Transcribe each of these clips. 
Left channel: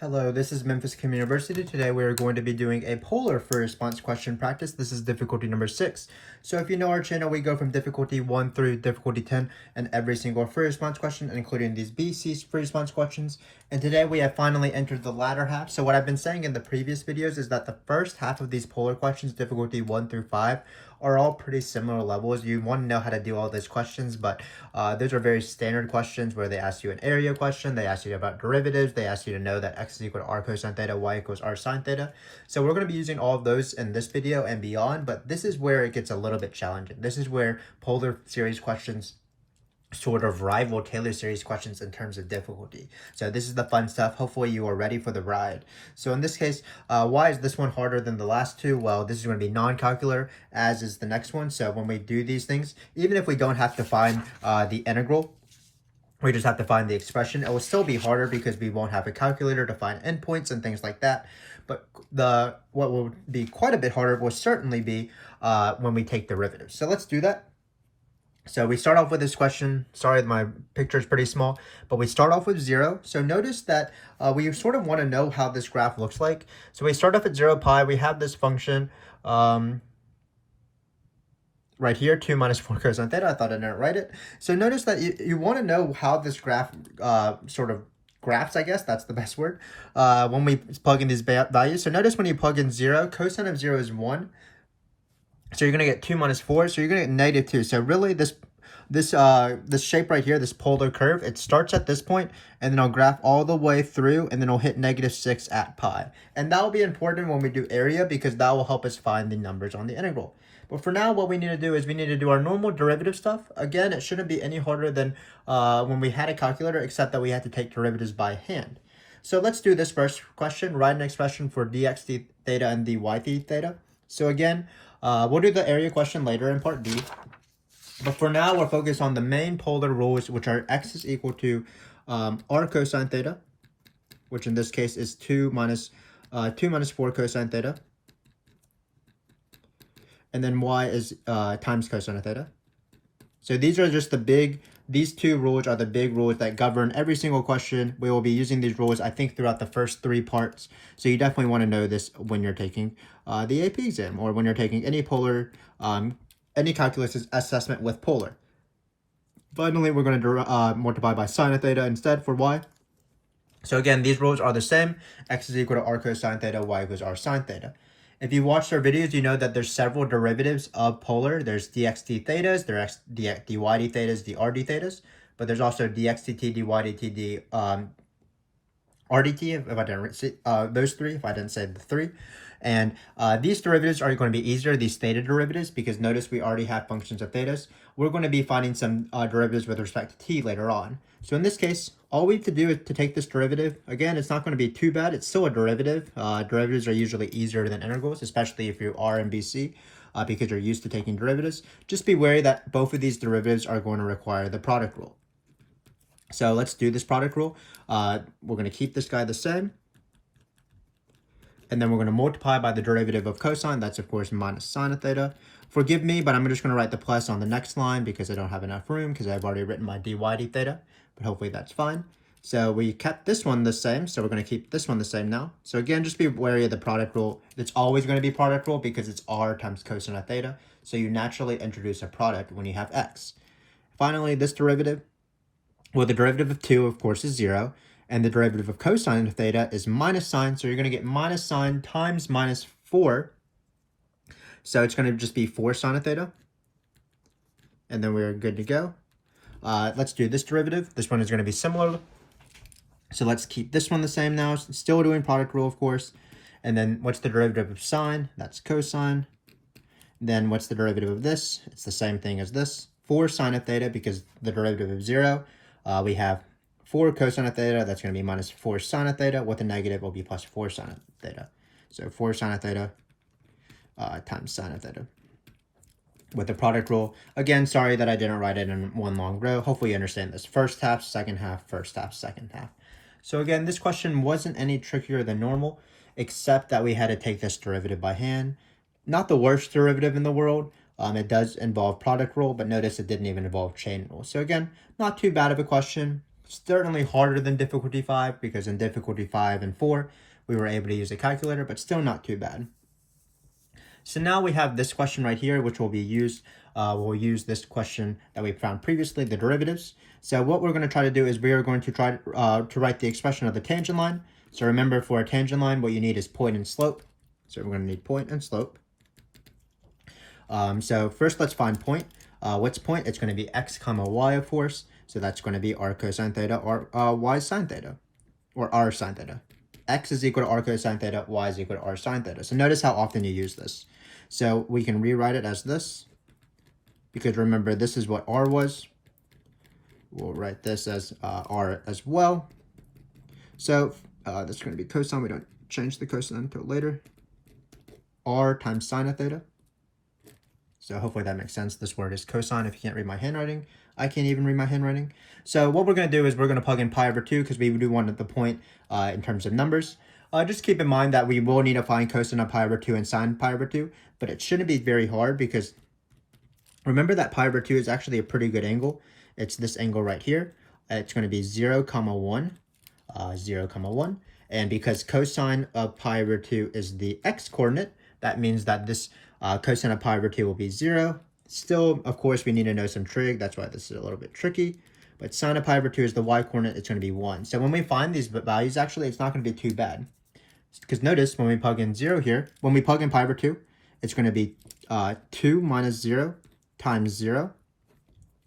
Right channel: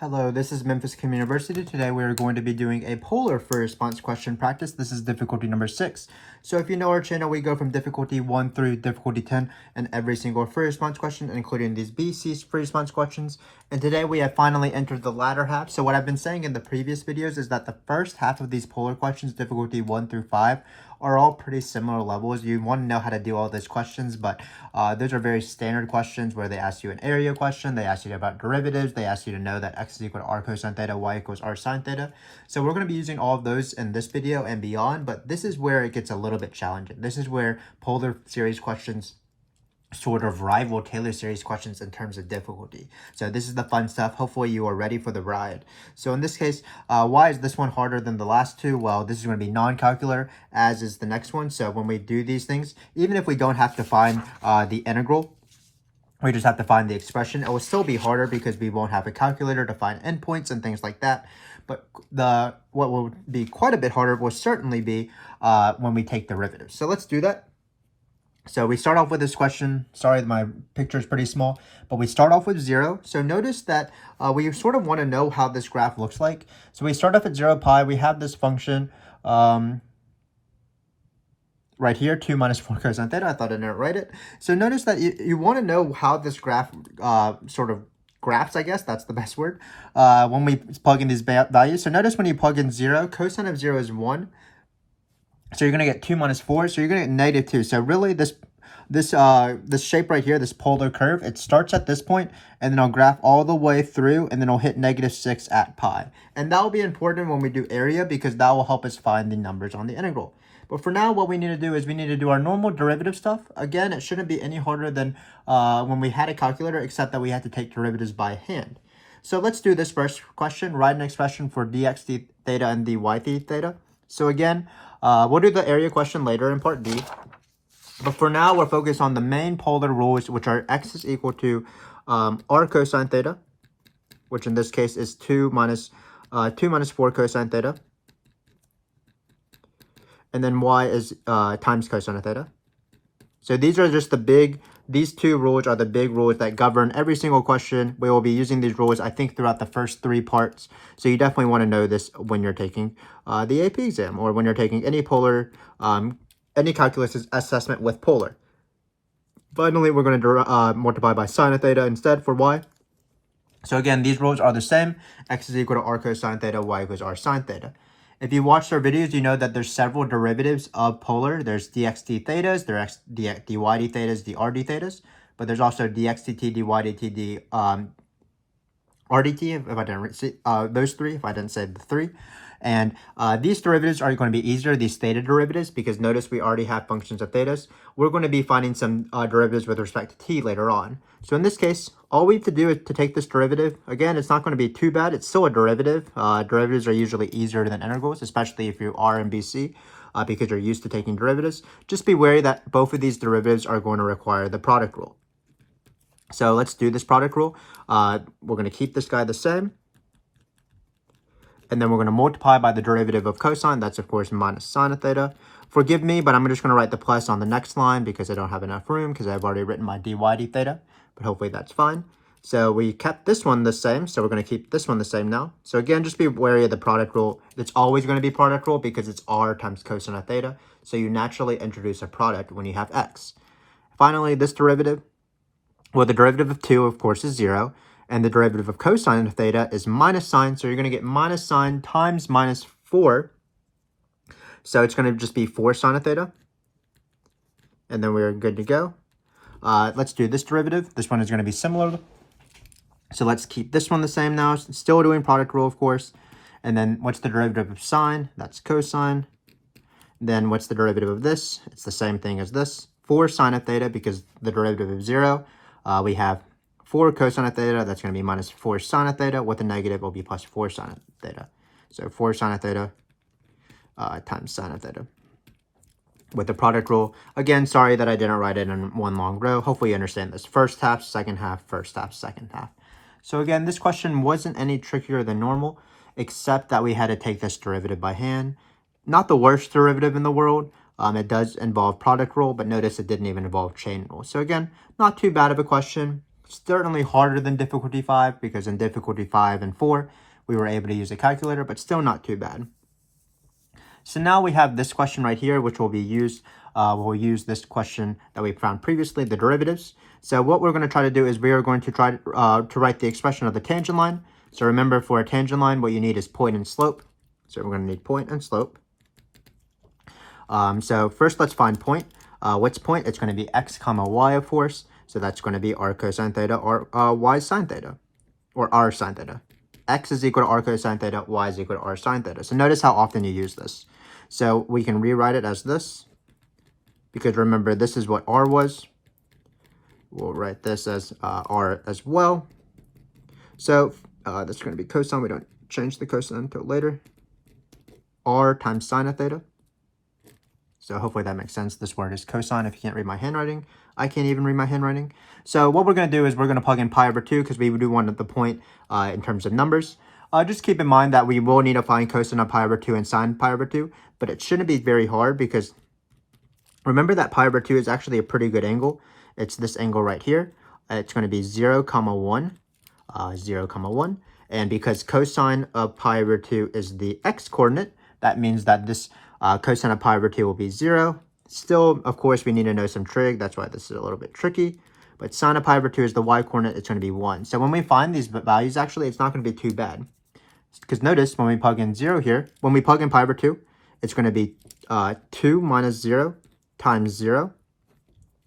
Hello, this is Memphis Communiversity. Today we are going to be doing a polar free response question practice. This is difficulty number 6. So if you know our channel, we go from difficulty 1 through difficulty 10 and every single free response question, including these BC free response questions. And today we have finally entered the latter half. So what I've been saying in the previous videos is that the first half of these polar questions, difficulty 1 through 5, are all pretty similar levels. You want to know how to do all those questions, but those are very standard questions where they ask you an area question, they ask you about derivatives, they ask you to know that x is equal to r cosine theta, y equals r sine theta. So we're going to be using all of those in this video and beyond, but this is where it gets a little bit challenging. This is where polar series questions sort of rival Taylor series questions in terms of difficulty. So this is the fun stuff. Hopefully you are ready for the ride. So in this case, why is this one harder than the last two? Well, this is going to be non-calcular, as is the next one. So when we do these things, even if we don't have to find the integral, we just have to find the expression. It will still be harder because we won't have a calculator to find endpoints and things like that. But what will be quite a bit harder will certainly be when we take derivatives. So let's do that. So we start off with this question. Sorry, my picture is pretty small, but we start off with 0. So notice that we sort of want to know how this graph looks like. So we start off at 0 pi. We have this function right here, 2 minus 4 cosine theta. I thought I didn't write it. So notice that you want to know how this graph sort of graphs, I guess. That's the best word. When we plug in these values. So notice when you plug in 0, cosine of 0 is 1. So you're going to get 2 minus 4, so you're going to get negative 2. So really this shape right here, this polar curve, it starts at this point, and then I'll graph all the way through, and then I'll hit negative 6 at pi. And that will be important when we do area, because that will help us find the numbers on the integral. But for now, what we need to do is we need to do our normal derivative stuff. Again, it shouldn't be any harder than when we had a calculator, except that we had to take derivatives by hand. So let's do this first question. Write an expression for dx theta and dy theta. So again, we'll do the area question later in part D. But for now, we're focused on the main polar rules, which are x is equal to r cosine theta, which in this case is 2 minus 4 cosine theta. And then y is times cosine theta. So these are just these two rules are the big rules that govern every single question. We will be using these rules, I think, throughout the first 3 parts. So you definitely want to know this when you're taking the AP exam, or when you're taking any polar, any calculus assessment with polar. Finally, we're going to multiply by sine theta instead for y. So again, these rules are the same. X is equal to r cosine theta, y equals r sine theta. If you watched our videos, you know that there's several derivatives of polar. There's dx d thetas, there's dy d thetas, dr d thetas, but there's also dx dt, dy dt, rdt, if I didn't say those 3, if I didn't say the 3. And these derivatives are going to be easier, these theta derivatives, because notice we already have functions of thetas. We're going to be finding some derivatives with respect to t later on. So in this case, all we have to do is to take this derivative. Again, it's not going to be too bad. It's still a derivative. Derivatives are usually easier than integrals, especially if you are in BC, because you're used to taking derivatives. Just be wary that both of these derivatives are going to require the product rule. So let's do this product rule. We're going to keep this guy the same. And then we're going to multiply by the derivative of cosine. That's, of course, minus sine theta. Forgive me, but I'm just going to write the plus on the next line because I don't have enough room, because I've already written my dy d theta. But hopefully that's fine. So we kept this one the same, so we're going to keep this one the same now. So again, just be wary of the product rule. It's always going to be product rule because it's r times cosine theta. So you naturally introduce a product when you have x. Finally, this derivative, well, the derivative of 2, of course, is 0. And the derivative of cosine theta is minus sine. So you're going to get minus sine times minus 4. So it's going to just be 4 sine theta. And then we're good to go. Let's do this derivative. This one is going to be similar. So let's keep this one the same now. Still doing product rule, of course. And then what's the derivative of sine? That's cosine. Then what's the derivative of this? It's the same thing as this. 4 sine theta, because the derivative of 0. We have 4 cosine theta, that's going to be minus 4 sine theta. With a negative, will be plus 4 sine theta. So 4 sine theta times sine theta. With the product rule, again, sorry that I didn't write it in one long row. Hopefully you understand this. First half, second half, first half, second half. So again, this question wasn't any trickier than normal, except that we had to take this derivative by hand. Not the worst derivative in the world. It does involve product rule, but notice it didn't even involve chain rule. So again, not too bad of a question. Certainly harder than difficulty 5, because in difficulty 5 and 4, we were able to use a calculator, but still not too bad. So now we have this question right here, which will be used. We'll use this question that we found previously, the derivatives. So what we're going to try to do is we are going to try to write the expression of the tangent line. So remember, for a tangent line, what you need is point and slope. So we're going to need point and slope. So first, let's find point. What's point? It's going to be x comma y, of course. So that's going to be r cosine theta or y sine theta, or r sine theta. X is equal to r cosine theta, y is equal to r sine theta. So notice how often you use this. So we can rewrite it as this, because remember, this is what r was. We'll write this as r as well. So this is going to be cosine. We don't change the cosine until later. R times sine of theta. So hopefully that makes sense. This word is cosine. If you can't read my handwriting, I can't even read my handwriting. So what we're going to do is we're going to plug in pi over 2, because we do want the point in terms of numbers. Just keep in mind that we will need to find cosine of pi over 2 and sine pi over 2, but it shouldn't be very hard, because remember that pi over 2 is actually a pretty good angle. It's this angle right here. It's going to be 0, 1, 0, 1. And because cosine of pi over 2 is the x coordinate, that means that this cosine of pi over 2 will be 0. Still, of course, we need to know some trig. That's why this is a little bit tricky. But sine of pi over 2 is the y coordinate. It's going to be 1. So when we find these values, actually, it's not going to be too bad. Because notice, when we plug in 0 here, when we plug in pi over 2, it's going to be 2 minus 0 times 0.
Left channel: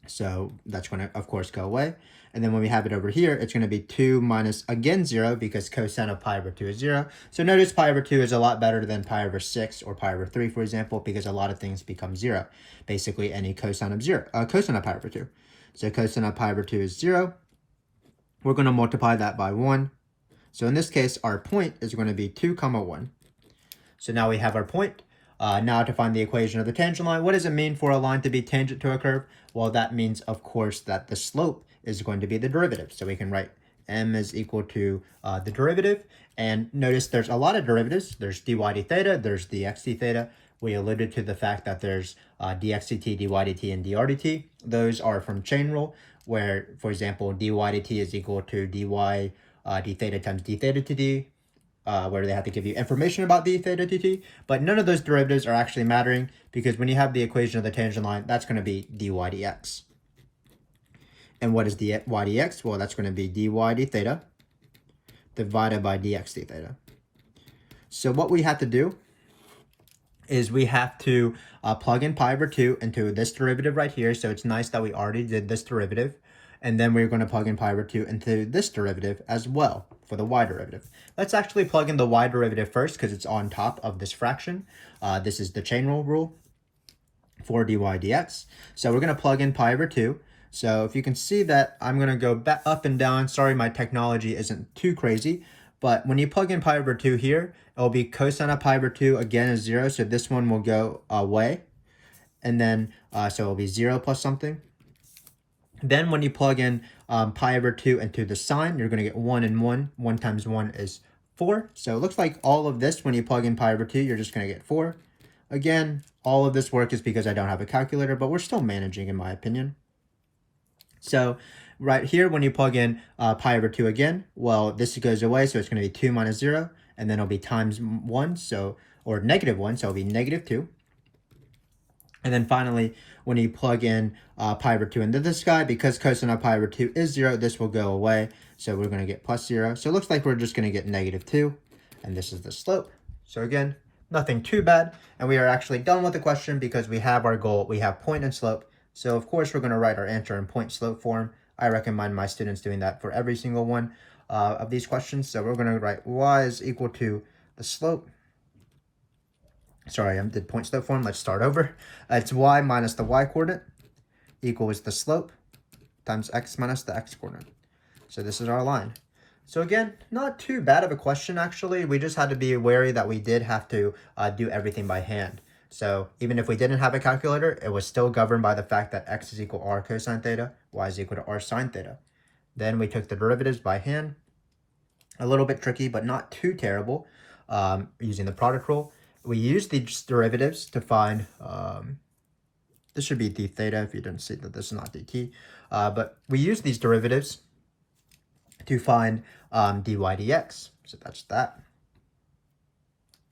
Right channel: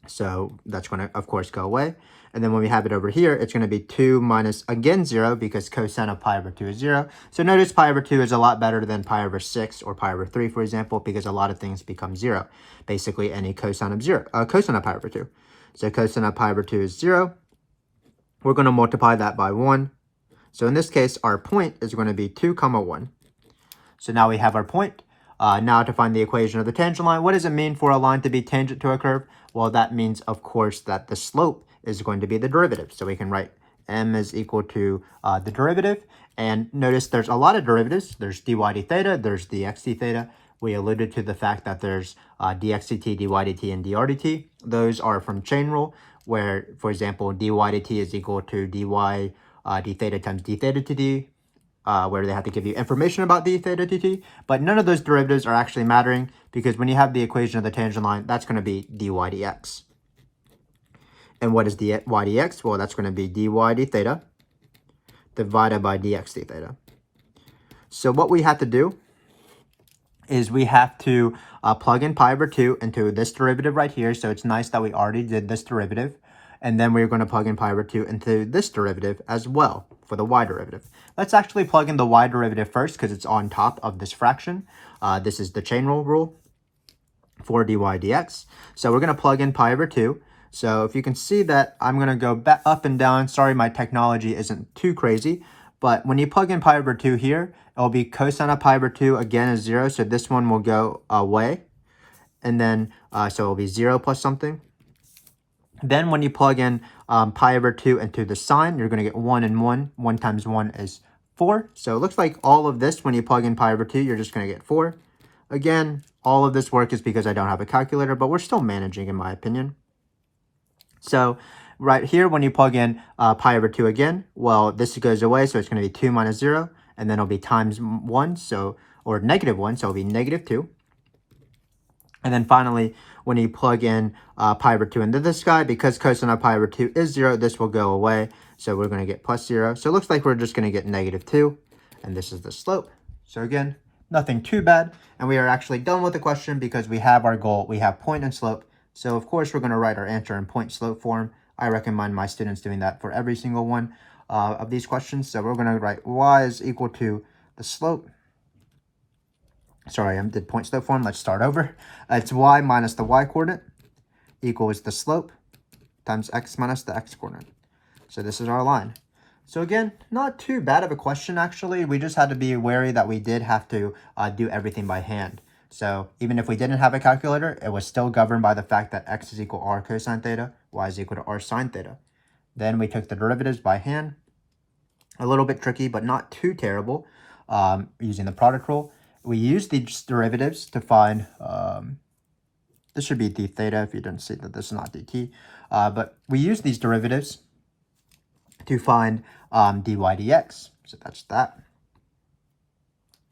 So that's going to, of course, go away. And then when we have it over here, it's going to be 2 minus, again, 0, because cosine of pi over 2 is 0. So notice pi over 2 is a lot better than pi over 6 or pi over 3, for example, because a lot of things become 0. Basically, any cosine of 0, cosine of pi over 2. So cosine of pi over 2 is 0. We're going to multiply that by 1. So in this case, our point is going to be 2, 1. So now we have our point. Now to find the equation of the tangent line, what does it mean for a line to be tangent to a curve? Well, that means, of course, that the slope is going to be the derivative. So we can write m is equal to the derivative. And notice there's a lot of derivatives. There's dy d theta, there's dx d theta. We alluded to the fact that there's dx dt, dy dt, and dr dt. Those are from chain rule, where, for example, dy dt is equal to dy d theta times d theta dt. Where they have to give you information about d theta dt, but none of those derivatives are actually mattering, because when you have the equation of the tangent line, that's going to be dy dx. And what is dy dx? Well, that's going to be dy d theta divided by dx d theta. So what we have to do is we have to plug in pi over 2 into this derivative right here. So it's nice that we already did this derivative. And then we're going to plug in pi over 2 into this derivative as well for the y derivative. Let's actually plug in the y derivative first, because it's on top of this fraction. This is the chain rule for dy dx. So we're going to plug in pi over 2. So if you can see that, I'm going to go back up and down. Sorry, my technology isn't too crazy. But when you plug in pi over 2 here, it will be cosine of pi over 2 again is 0. So this one will go away. And then, so it will be 0 plus something. Then when you plug in pi over 2 into the sine, you're going to get 1 and 1. 1 times 1 is 4. So it looks like all of this, when you plug in pi over 2, you're just going to get 4. Again, all of this work is because I don't have a calculator, but we're still managing, in my opinion. So right here, when you plug in pi over 2 again, well, this goes away, so it's going to be 2 minus 0, and then it'll be times 1, so, or negative 1, so it'll be negative 2. And then finally, when you plug in pi over 2 into this guy, because cosine of pi over 2 is 0, this will go away. So we're going to get plus 0. So it looks like we're just going to get negative 2. And this is the slope. So again, nothing too bad. And we are actually done with the question, because we have our goal. We have point and slope. So of course, we're going to write our answer in point slope form. I recommend my students doing that for every single one of these questions. So we're going to write y is equal to the slope. Sorry, I did point slope form. Let's start over. It's y minus the y coordinate equals the slope times x minus the x coordinate. So this is our line. So again, not too bad of a question, actually. We just had to be wary that we did have to do everything by hand. So even if we didn't have a calculator, it was still governed by the fact that x is equal to r cosine theta, y is equal to r sine theta. Then we took the derivatives by hand. A little bit tricky, but not too terrible, using the product rule. We use these derivatives to find, this should be d theta if you didn't see that this is not dt, but we use these derivatives to find dy dx. So that's that.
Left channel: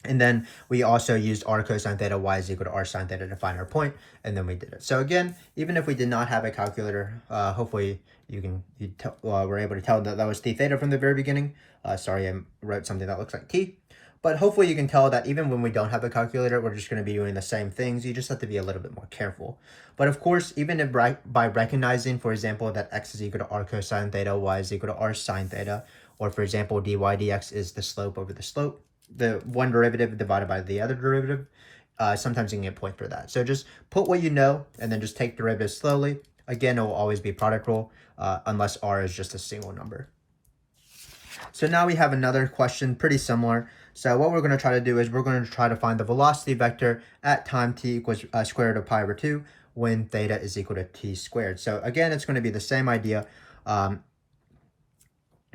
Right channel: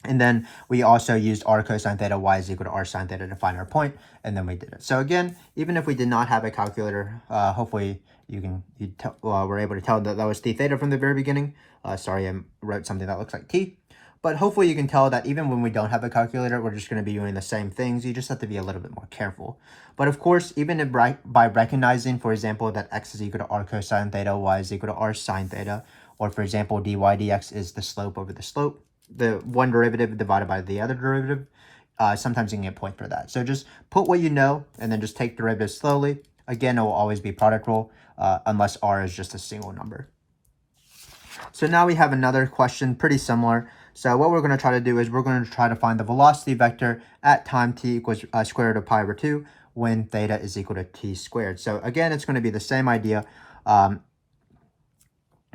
And then we also used r cosine theta y is equal to r sine theta to find our point, and then we did it. So again, even if we did not have a calculator, hopefully you were able to tell that that was d theta from the very beginning. Sorry, I wrote something that looks like t. But hopefully you can tell that even when we don't have a calculator, we're just going to be doing the same things. You just have to be a little bit more careful. But of course, even if by recognizing, for example, that x is equal to r cosine theta, y is equal to r sine theta, or for example, dy dx is the slope over the slope, the one derivative divided by the other derivative, sometimes you can get points for that. So just put what you know and then just take derivatives slowly. Again, it will always be product rule unless r is just a single number. So now we have another question pretty similar. So what we're going to try to do is we're going to try to find the velocity vector at time t equals square root of pi over 2 when theta is equal to t squared. So again, it's going to be the same idea.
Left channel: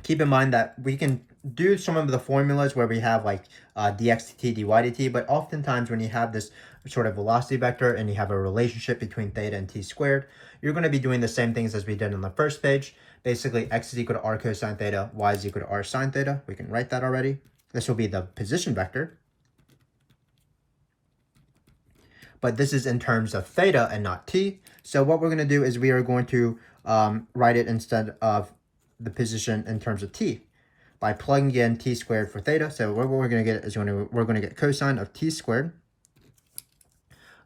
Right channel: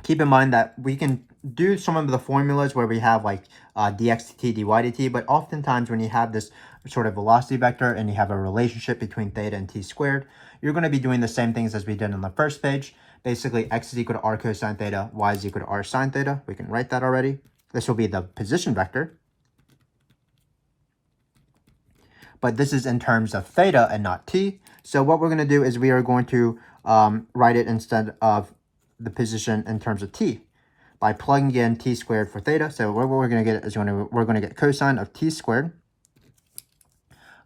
Keep in mind that we can do some of the formulas where we have like dx dt, dy dt, but oftentimes when you have this sort of velocity vector and you have a relationship between theta and t squared, you're going to be doing the same things as we did on the first page. Basically, x is equal to r cosine theta, y is equal to r sine theta. We can write that already. This will be the position vector. But this is in terms of theta and not t. So what we're going to do is we are going to write it instead of the position in terms of t by plugging in t squared for theta. So what we're going to get is we're going to get cosine of t squared.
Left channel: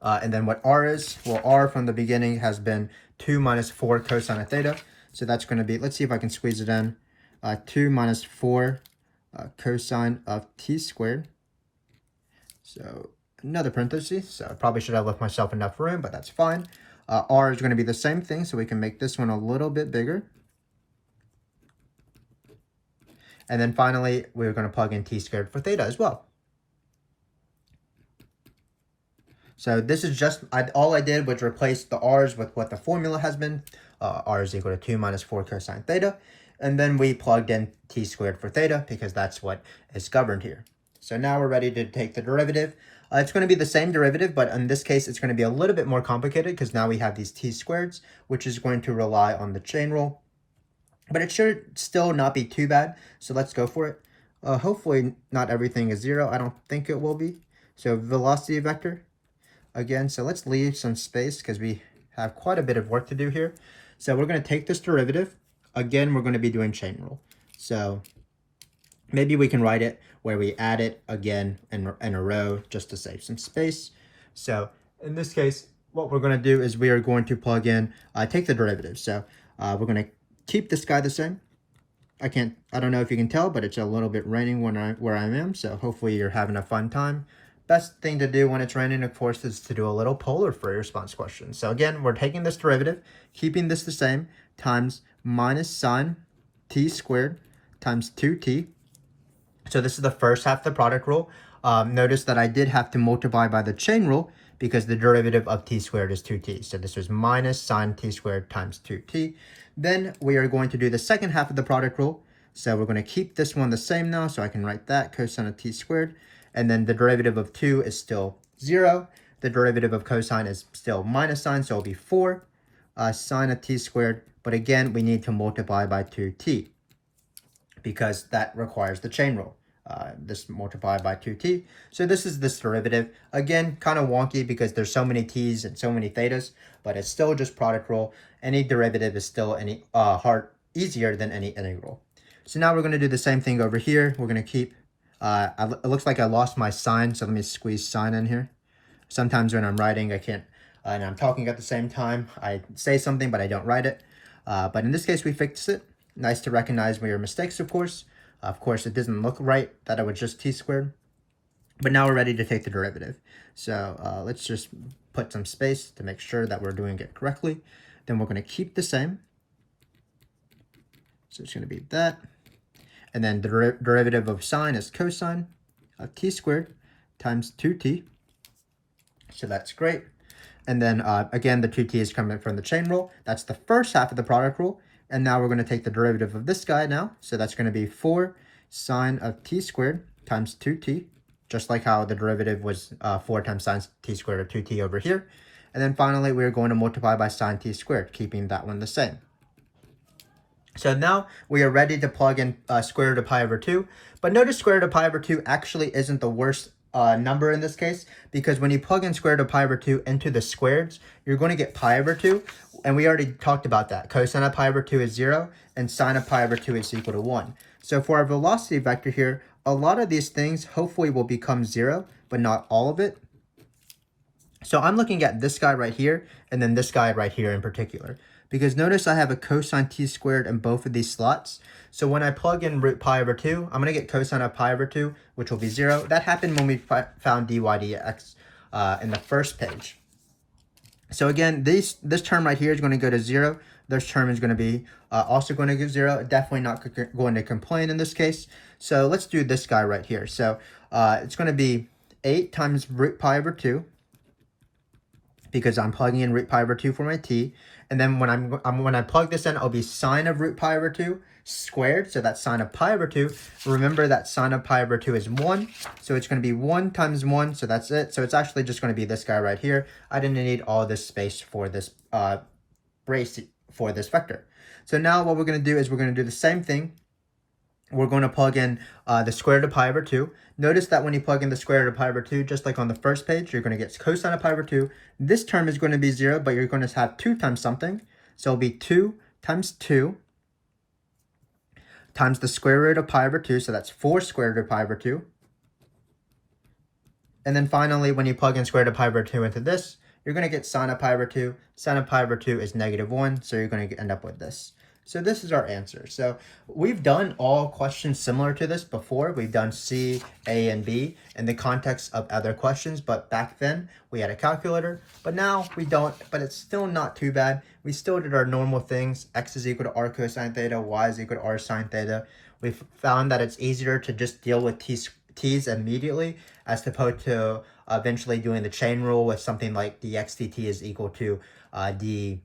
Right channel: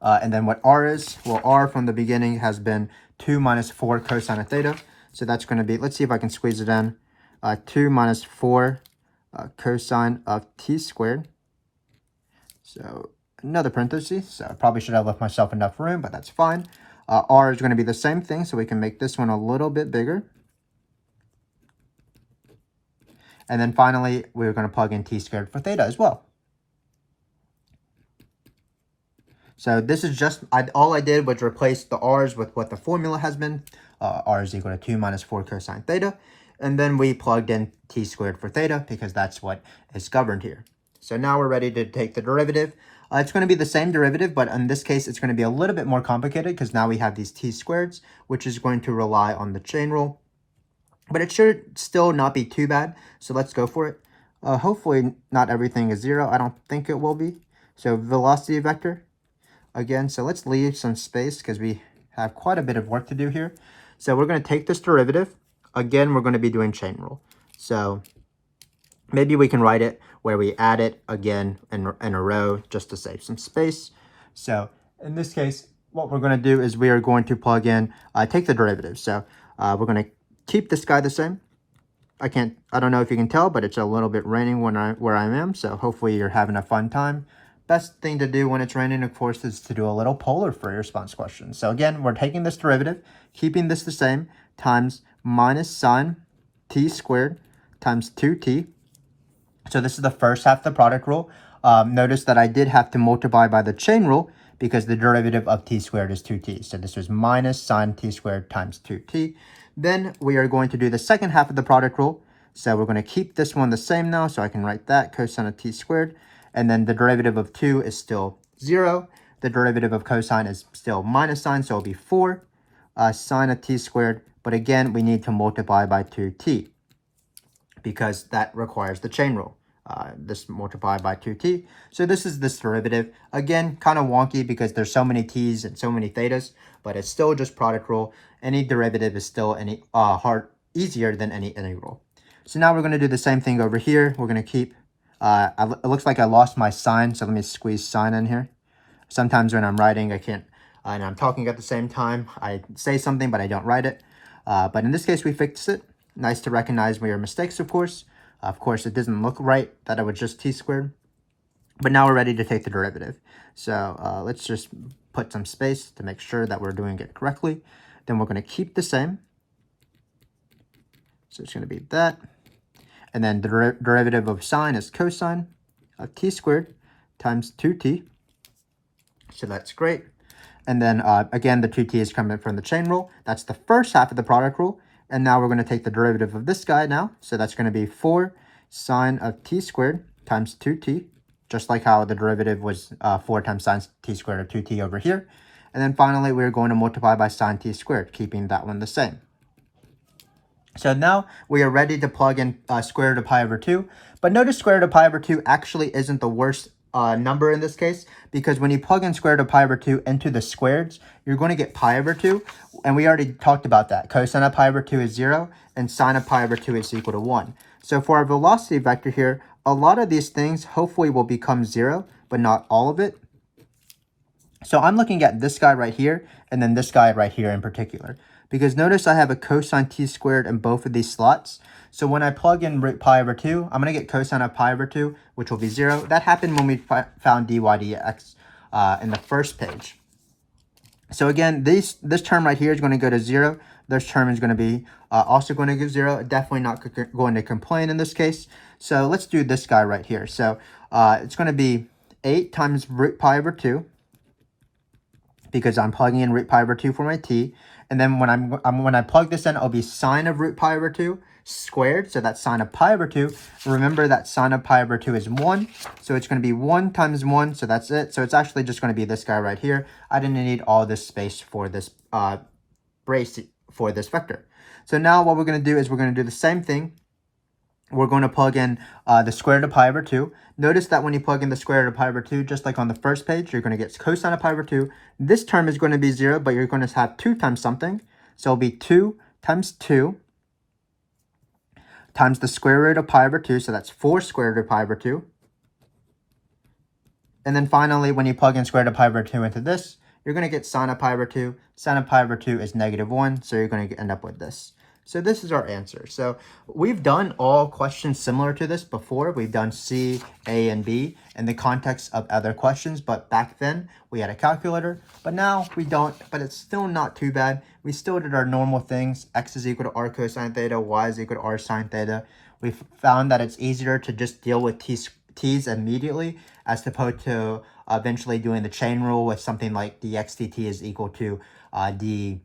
And then what r is, well, r from the beginning has been 2 minus 4 cosine of theta. So that's going to be, let's see if I can squeeze it in, 2 minus 4 cosine of t squared. So another parenthesis. So I probably should have left myself enough room, but that's fine. R is going to be the same thing, so we can make this one a little bit bigger. And then finally, we're going to plug in t squared for theta as well. So this is just, all I did was replace the r's with what the formula has been. R is equal to 2 minus 4 cosine theta. And then we plugged in t squared for theta because that's what is governed here. So now we're ready to take the derivative. It's going to be the same derivative, but in this case, it's going to be a little bit more complicated because now we have these t squareds, which is going to rely on the chain rule. But it should still not be too bad, so let's go for it. Hopefully not everything is 0. I don't think it will be. So velocity vector, again, so let's leave some space because we have quite a bit of work to do here. So we're going to take this derivative. Again, we're going to be doing chain rule. So maybe we can write it where we add it again in a row just to save some space. So in this case, what we're going to do is we are going to plug in, take the derivative. So we're going to keep this guy the same. I don't know if you can tell, but it's a little bit raining where I am. So hopefully you're having a fun time. Best thing to do when it's raining, of course, is to do a little polar for your response question. So again, we're taking this derivative, keeping this the same, times minus sine t squared times 2t. So this is the first half of the product rule. Notice that I did have to multiply by the chain rule because the derivative of t squared is 2t. So this was minus sine t squared times 2t. Then we are going to do the second half of the product rule. So we're going to keep this one the same now. So I can write that cosine of t squared. And then the derivative of 2 is still 0. The derivative of cosine is still minus sine, so it'll be 4 sine of t squared. But again, we need to multiply by 2t because that requires the chain rule. This multiplied by 2t. So this is this derivative. Again, kind of wonky because there's so many t's and so many thetas, but it's still just product rule. Any derivative is still easier than any integral. So now we're going to do the same thing over here. We're going to keep, it looks like I lost my sign, so let me squeeze sign in here. Sometimes when I'm writing, I can't, and I'm talking at the same time, I say something, but I don't write it. But in this case, we fixed it. Nice to recognize your mistakes, of course. Of course, it doesn't look right that it was just t squared. But now we're ready to take the derivative. So let's just put some space to make sure that we're doing it correctly. Then we're going to keep the same. So it's going to be that. And then the derivative of sine is cosine of t squared times 2t. So that's great. And then again, the 2t is coming from the chain rule. That's the first half of the product rule. And now we're going to take the derivative of this guy now. So that's going to be 4 sine of t squared times 2t, just like how the derivative was 4 times sine t squared of 2t over here. And then finally, we're going to multiply by sine t squared, keeping that one the same. So now we are ready to plug in square root of pi over 2. But notice square root of pi over 2 actually isn't the worst number in this case, because when you plug in square root of pi over 2 into the squareds, you're going to get pi over 2. And we already talked about that. Cosine of pi over 2 is 0, and sine of pi over 2 is equal to 1. So for our velocity vector here, a lot of these things hopefully will become 0, but not all of it. So I'm looking at this guy right here, and then this guy right here in particular. Because notice I have a cosine t squared in both of these slots. So when I plug in root pi over 2, I'm going to get cosine of pi over 2, which will be 0. That happened when we found dy dx in the first page. So again, this term right here is going to go to 0. This term is going to be also going to go 0. Definitely not going to complain in this case. So let's do this guy right here. So it's going to be 8 times root pi over 2. Because I'm plugging in root pi over 2 for my t. And then when I plug this in, it'll be sine of root pi over 2 squared. So that's sine of pi over 2. Remember that sine of pi over 2 is 1. So it's going to be 1 times 1. So that's it. So it's actually just going to be this guy right here. I didn't need all this space for this brace for this vector. So now what we're going to do is we're going to do the same thing. We're going to plug in the square root of pi over 2. Notice that when you plug in the square root of pi over 2, just like on the first page, you're going to get cosine of pi over 2. This term is going to be 0, but you're going to have 2 times something. So it'll be 2 times 2 times the square root of pi over 2. So that's 4 square root of pi over 2. And then finally, when you plug in square root of pi over 2 into this, you're going to get sine of pi over 2. Sine of pi over 2 is -1, so you're going to end up with this. So this is our answer. So we've done all questions similar to this before. We've done C, A, and B in the context of other questions, but back then we had a calculator, but now we don't, but it's still not too bad. We still did our normal things. X is equal to r cosine theta, Y is equal to r sine theta. We found that it's easier to just deal with t's immediately as opposed to eventually doing the chain rule with something like dx dt is equal to d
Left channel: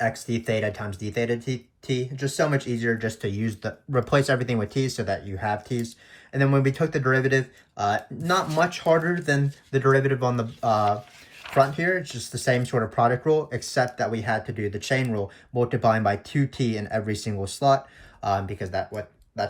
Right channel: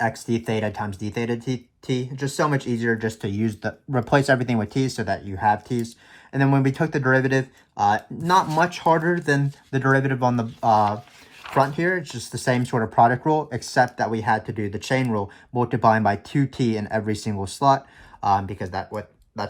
x d theta times d theta t. Just so much easier just to replace everything with t's so that you have t's. And then when we took the derivative, not much harder than the derivative on the front here. It's just the same sort of product rule, except that we had to do the chain rule, multiplying by 2t in every single slot, because that's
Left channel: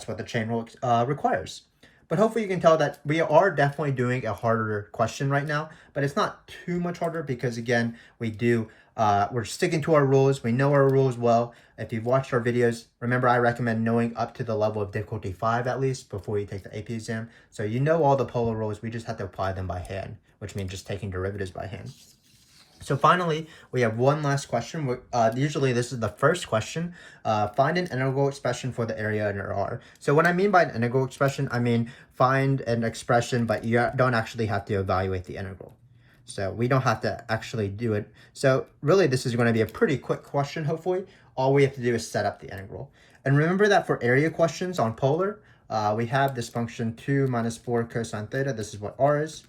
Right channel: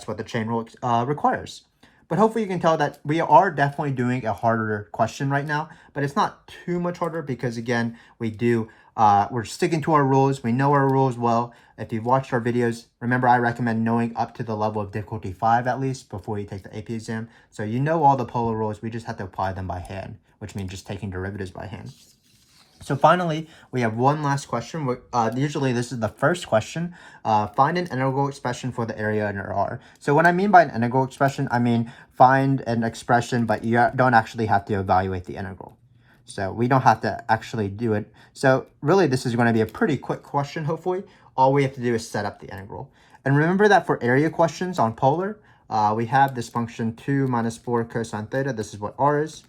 what the chain rule requires. But hopefully you can tell that we are definitely doing a harder question right now, but it's not too much harder because, again, we're sticking to our rules. We know our rules well. If you've watched our videos, remember I recommend knowing up to the level of difficulty 5 at least before you take the AP exam. So you know all the polar rules. We just have to apply them by hand, which means just taking derivatives by hand. So finally, we have one last question. Usually this is the first question. Find an integral expression for the area under R. So what I mean by an integral expression, I mean find an expression, but you don't actually have to evaluate the integral. So we don't have to actually do it. So really this is going to be a pretty quick question, hopefully. All we have to do is set up the integral. And remember that for area questions on polar, we have this function 2 minus 4 cosine theta. This is what R is.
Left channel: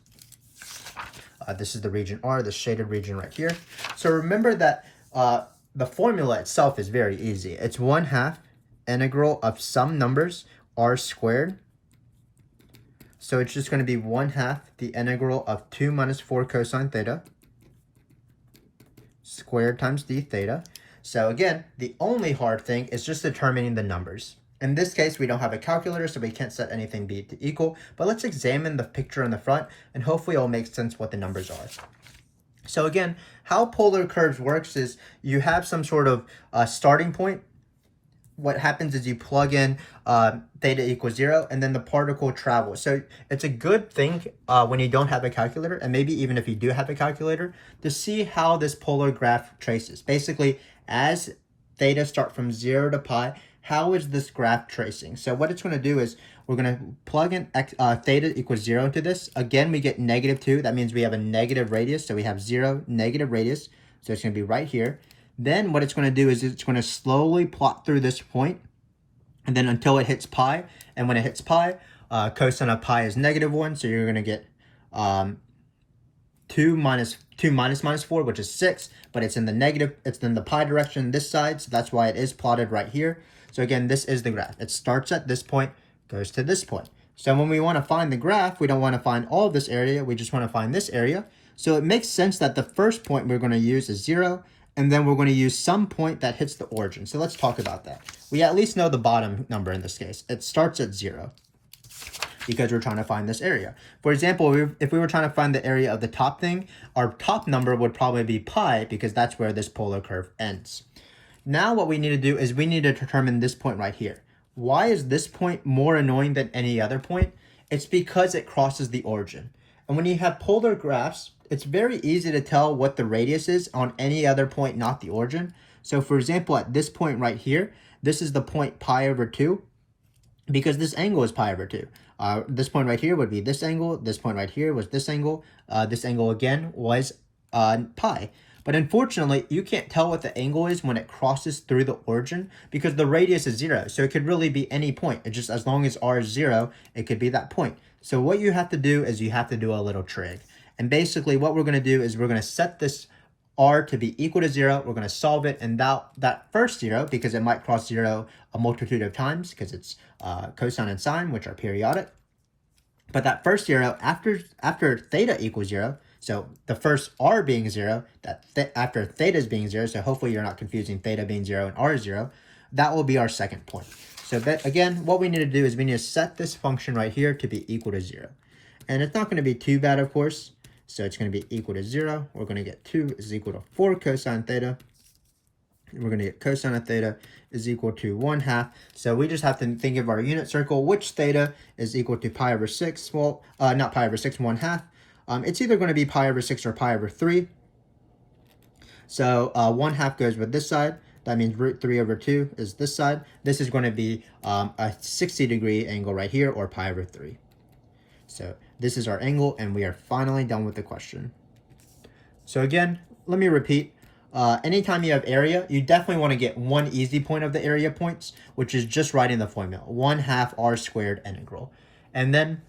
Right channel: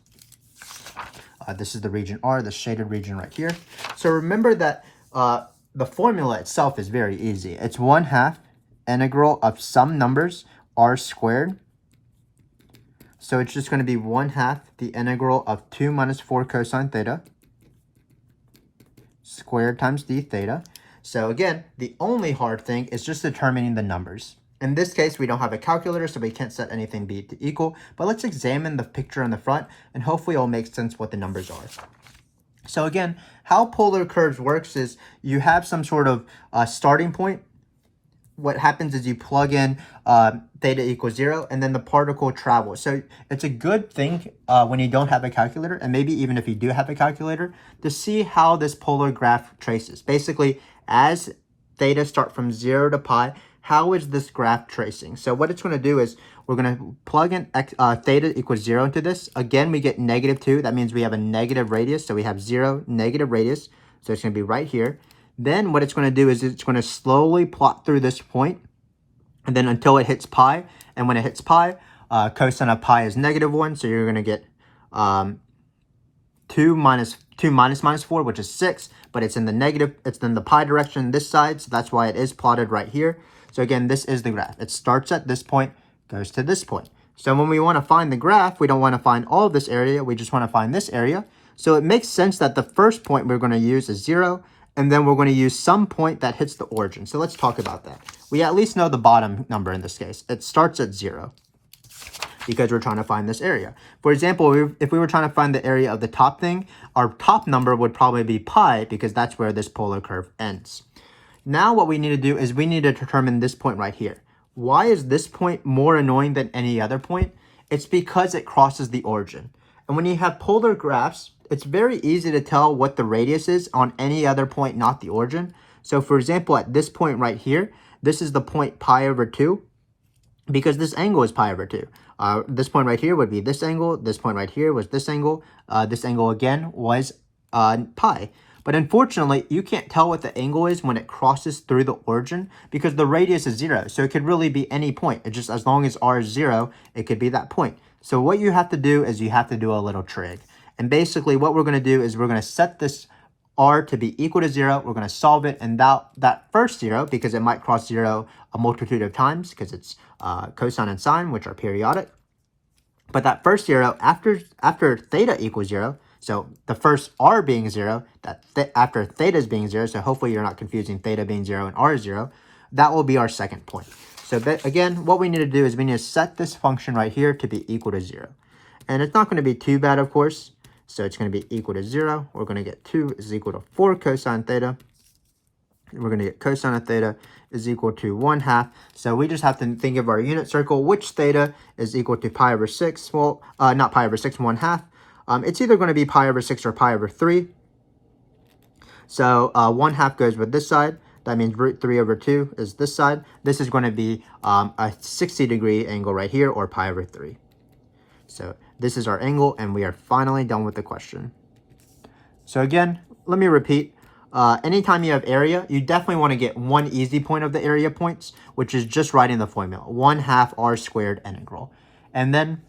This is the region R, the shaded region right here. So remember that the formula itself is very easy. It's 1/2 integral of some numbers, r squared. So it's just going to be 1/2 the integral of 2 minus 4 cosine theta squared times d theta. So again, the only hard thing is just determining the numbers. In this case, we don't have a calculator, so we can't set anything b to equal, but let's examine the picture in the front, and hopefully it'll make sense what the numbers are. So again, how polar curves works is you have some sort of starting point. What happens is you plug in theta equals 0, and then the particle travels. So it's a good thing when you don't have a calculator, and maybe even if you do have a calculator, to see how this polar graph traces. Basically, as theta start from 0 to pi, how is this graph tracing? So what it's going to do is we're going to plug in theta equals 0 into this. Again, we get -2. That means we have a negative radius. So we have 0, negative radius. So it's going to be right here. Then what it's going to do is it's going to slowly plot through this point, and then until it hits pi. And when it hits pi, cosine of pi is -1. So you're going to get 2 minus -4, which is 6. But it's in the negative. It's in the pi direction this side. So that's why it is plotted right here. So again, this is the graph. It starts at this point, goes to this point. So when we want to find the graph, we don't want to find all of this area. We just want to find this area. So it makes sense that the first point we're going to use is 0, and then we're going to use some point that hits the origin. So let's talk about that. We at least know the bottom number in this case. It starts at 0 because we're trying to find this area. For example, if we were trying to find the area of the top thing, our top number would probably be pi because that's where this polar curve ends. Now what we need to do is we need to determine this point right here. Why is this point more annoying than any other point? It's because it crosses the origin. And when you have polar graphs, it's very easy to tell what the radius is on any other point, not the origin. So for example, at this point right here, this is the point pi over 2 because this angle is pi over 2. This point right here would be this angle. This point right here was this angle. This angle again was pi. But unfortunately, you can't tell what the angle is when it crosses through the origin because the radius is 0. So it could really be any point. It's just as long as r is 0, it could be that point. So what you have to do is you have to do a little trig. And basically what we're going to do is we're going to set this r to be equal to 0. We're going to solve it, and that first 0, because it might cross 0 a multitude of times because it's cosine and sine, which are periodic. But that first 0, after theta equals 0, so the first r being 0, after theta is being 0, so hopefully you're not confusing theta being 0 and r is 0, that will be our second point. So that, again, what we need to do is we need to set this function right here to be equal to 0. And it's not going to be too bad, of course. So it's going to be equal to 0. We're going to get 2 is equal to 4 cosine theta. And we're going to get cosine of theta is equal to 1/2. So we just have to think of our unit circle, which theta is equal to pi over 6. Well, not pi over 6, 1/2. It's either going to be pi over 6 or pi over 3. So 1/2 goes with this side. That means root 3 over 2 is this side. This is going to be a 60-degree angle right here, or pi over 3. So this is our angle, and we are finally done with the question. So again, let me repeat. Anytime you have area, you definitely want to get one easy point of the area points, which is just writing the formula, 1/2 r squared integral. And then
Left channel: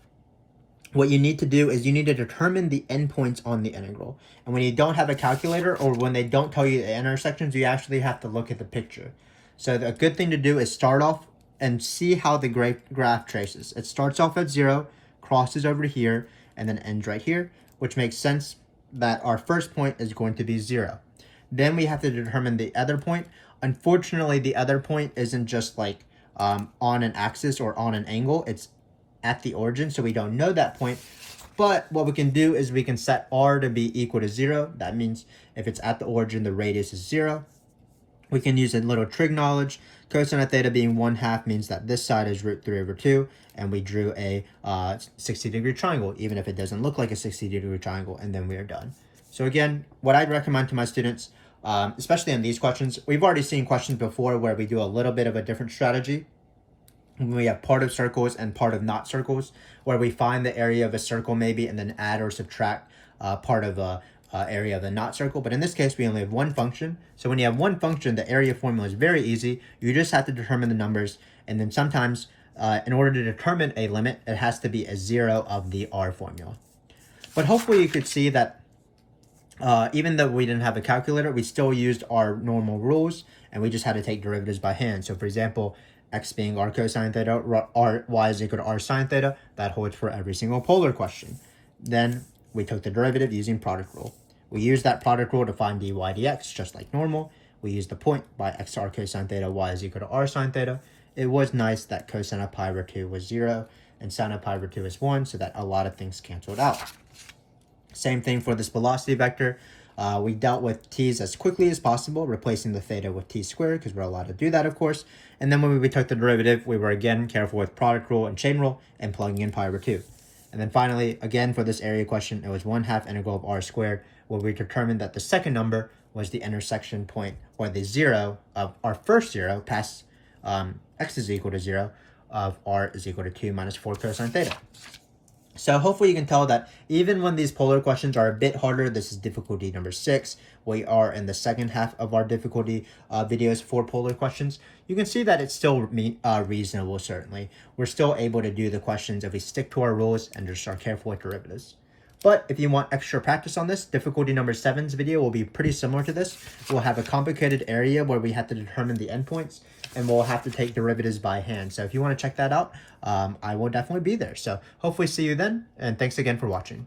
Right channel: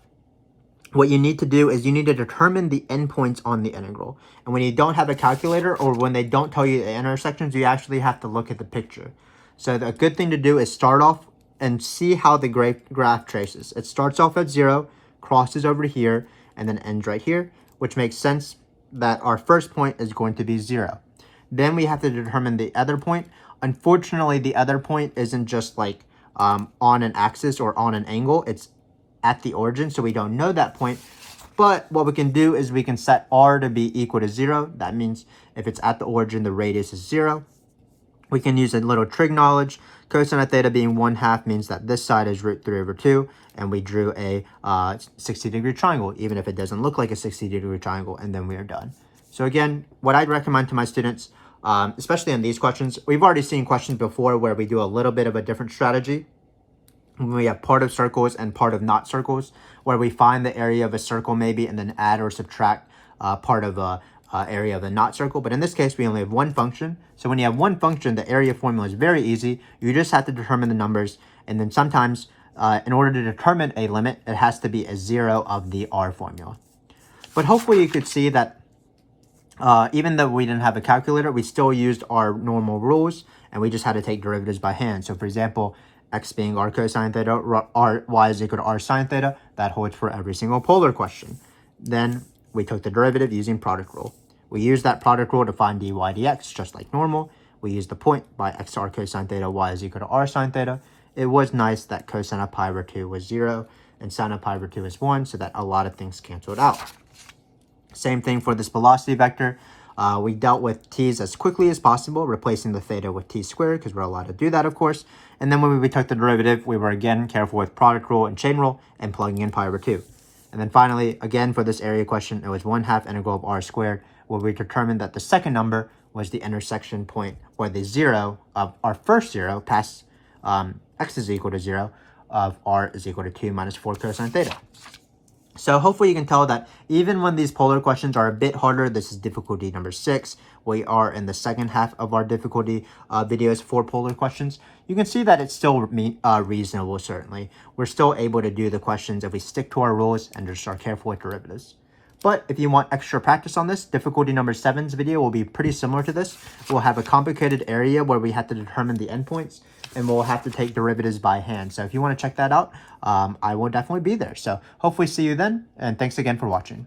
what you need to do is you need to determine the endpoints on the integral. And when you don't have a calculator, or when they don't tell you the intersections, you actually have to look at the picture. So the good thing to do is start off and see how the graph traces. It starts off at 0, crosses over here, and then ends right here, which makes sense that our first point is going to be 0. Then we have to determine the other point. Unfortunately, the other point isn't just like on an axis or on an angle. It's at the origin, so we don't know that point. But what we can do is we can set r to be equal to 0. That means if it's at the origin, the radius is 0. We can use a little trig knowledge. Cosine of theta being 1/2 means that this side is root 3 over 2, and we drew a 60-degree triangle, even if it doesn't look like a 60-degree triangle, and then we are done. So again, what I'd recommend to my students, especially on these questions, we've already seen questions before where we do a little bit of a different strategy. We have part of circles and part of not circles, where we find the area of a circle maybe and then add or subtract part of a area of the not circle. But in this case, we only have one function. So when you have one function, the area formula is very easy. You just have to determine the numbers. And then sometimes, in order to determine a limit, it has to be a 0 of the r formula. But hopefully you could see that even though we didn't have a calculator, we still used our normal rules, and we just had to take derivatives by hand. So for example, x being r cosine theta, y is equal to r sine theta. That holds for every single polar question. Then we took the derivative using product rule. We used that product rule to find dy dx, just like normal. We used the point by x r cosine theta, y is equal to r sine theta. It was nice that cosine of pi over 2 was 0, and sine of pi over 2 is 1, so that a lot of things canceled out. Same thing for this velocity vector. We dealt with t's as quickly as possible, replacing the theta with t squared, because we're allowed to do that, of course. And then when we took the derivative, we were again careful with product rule and chain rule and plugging in pi over 2. And then finally, again, for this area question, it was 1/2 integral of r squared, where we determined that the second number was the intersection point, or the 0 of our first 0 past x is equal to 0 of r is equal to 2 minus 4 cosine theta. So hopefully you can tell that even when these polar questions are a bit harder, this is difficulty number 6. We are in the second half of our difficulty videos for polar questions. You can see that it's still reasonable, certainly. We're still able to do the questions if we stick to our rules and just are careful with derivatives. But if you want extra practice on this, difficulty number 7's video will be pretty similar to this. We'll have a complicated area where we have to determine the endpoints, and we'll have to take derivatives by hand. So if you want to check that out, I will definitely be there. So hopefully see you then, and thanks again for watching.